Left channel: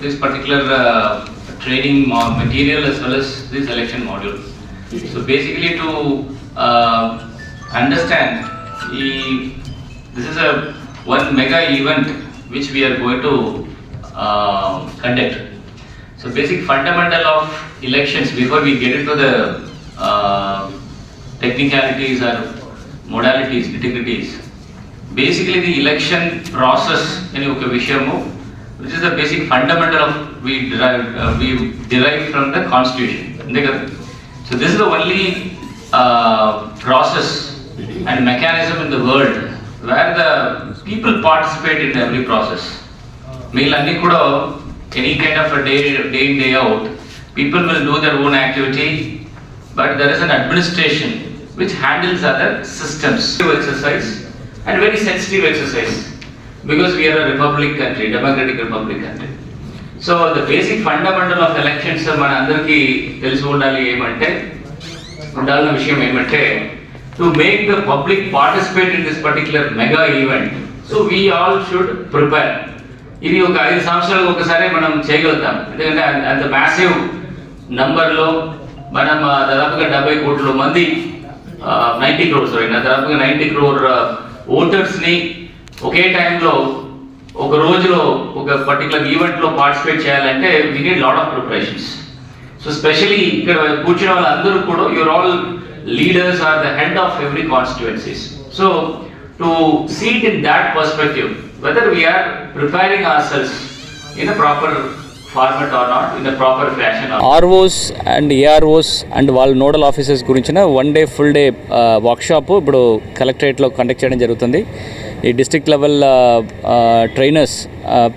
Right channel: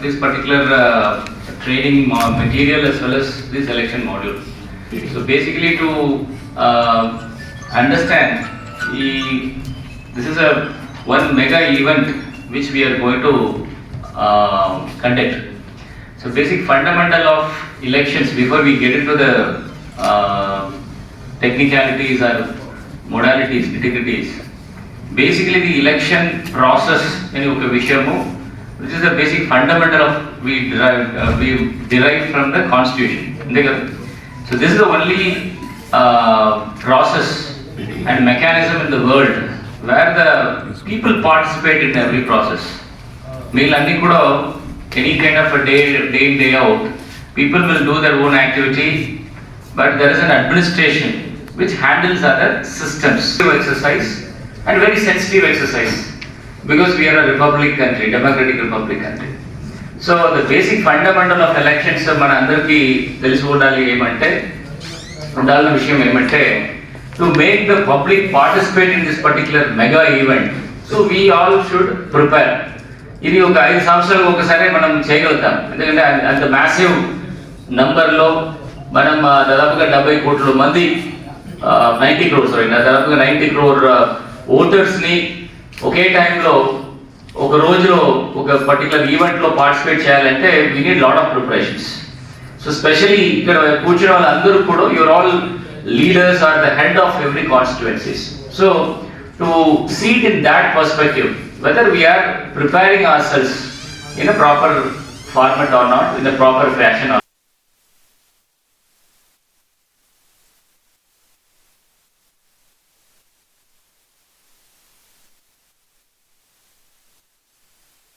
this particular uh, training ma- material as well as this election module. So basically to uh, understand, the- this is a one mega event which we are going to uh, conduct. So basic fundamental of elections before we get into the uh, technicalities or modalities, nitty-gritties. Basically the election process అని ఒక విషయము which is the basic fundamental of we derive, uh, we derive from the constitution. So this is the only uh, process and mechanism in the world where the people participate in every process. Meelanni any kind of a day, day in, day out, people will do their own activity, but there is an administration which handles other systems. Exercise and very sensitive exercise. Because we are a republic country democratic republic country so the basic fundamental of elections మన అందరికీ తెలిసి ఉండాలి ఏమంటే ఉండాల్సిన విషయం ఏమంటే to make the public participate in this particular mega event so we all should prepare ఇది ఒక ఐదు సంవత్సరాలు ఒకసారి మనం చేయగలుగుతాం. ఎందుకంటే అంత- మ్యాసివ్ నంబర్లో మనం దాదాపుగా డెబ్బై కోట్ల మంది నైంటీ క్రోర్ సారీ దాదాపుగా నైంటీ క్రోర్ ఓటర్స్ని ఒకే టైంలో ఒక రోజులో ఒక పర్టికులర్ ఈవెంట్లో పార్టిసిపేట్ చేయాలంటే we need lot of preparations so specially ఇక్కడ కూర్చున్న వాళ్ళందరూ కూడా your all leaders are the head of every constituencies so to seat in that perspective whether we are preparing our cells in a proper format or not in proper fashion ROs and AROs and వాళ్ళ nodal officers గురించిన one day full day workshop ఇప్పుడు కలెక్టరేట్లో conduct చేయడం జరుగుతుంది. ఈ district level trainers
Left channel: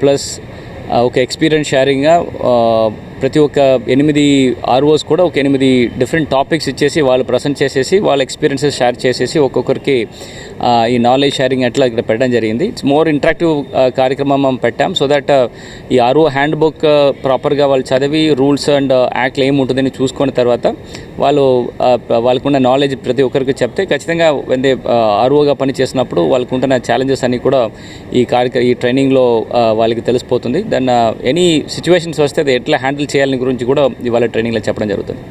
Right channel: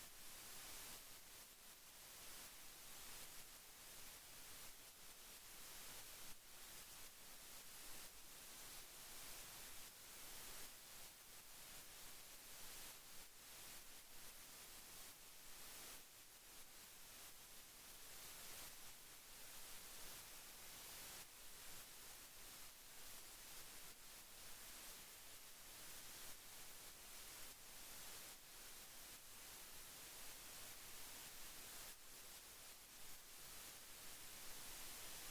plus ఒక experience షేరింగ్గా ప్రతి ఒక్క ఎనిమిది ఆర్ఓస్ కూడా ఒక ఎనిమిది డిఫరెంట్ టాపిక్స్ ఇచ్చేసి వాళ్ళు ప్రజెంట్ చేసేసి వాళ్ళ ఎక్స్పీరియన్సెస్ షేర్ చేసేసి ఒక్కొక్కరికి ఈ నాలెడ్జ్ షేరింగ్ అట్లా ఇక్కడ పెట్టడం జరిగింది. ఇట్స్ మోర్ ఇంటరాక్టివ్ కార్యక్రమం మనం పెట్టాం. సో దట్ ఈ ఆర్ఓ హ్యాండ్ బుక్ ప్రాపర్గా వాళ్ళు చదివి రూల్స్ అండ్ యాక్ట్లు ఏముంటుందని చూసుకున్న తర్వాత వాళ్ళు వాళ్ళకున్న నాలెడ్జ్ ప్రతి ఒక్కరికి చెప్తే ఖచ్చితంగా వెందే ఆర్ఓగా పని చేసినప్పుడు వాళ్ళకు ఉంటున్న ఛాలెంజెస్ అన్నీ కూడా ఈ కార్యక్రమ ఈ ట్రైనింగ్లో వాళ్ళకి తెలిసిపోతుంది. దెన్ ఎనీ సిచ్యువేషన్స్ వస్తే అది ఎట్లా హ్యాండిల్ చేయాలని గురించి కూడా ఇవాళ ట్రైనింగ్లో చెప్పడం జరుగుతుంది.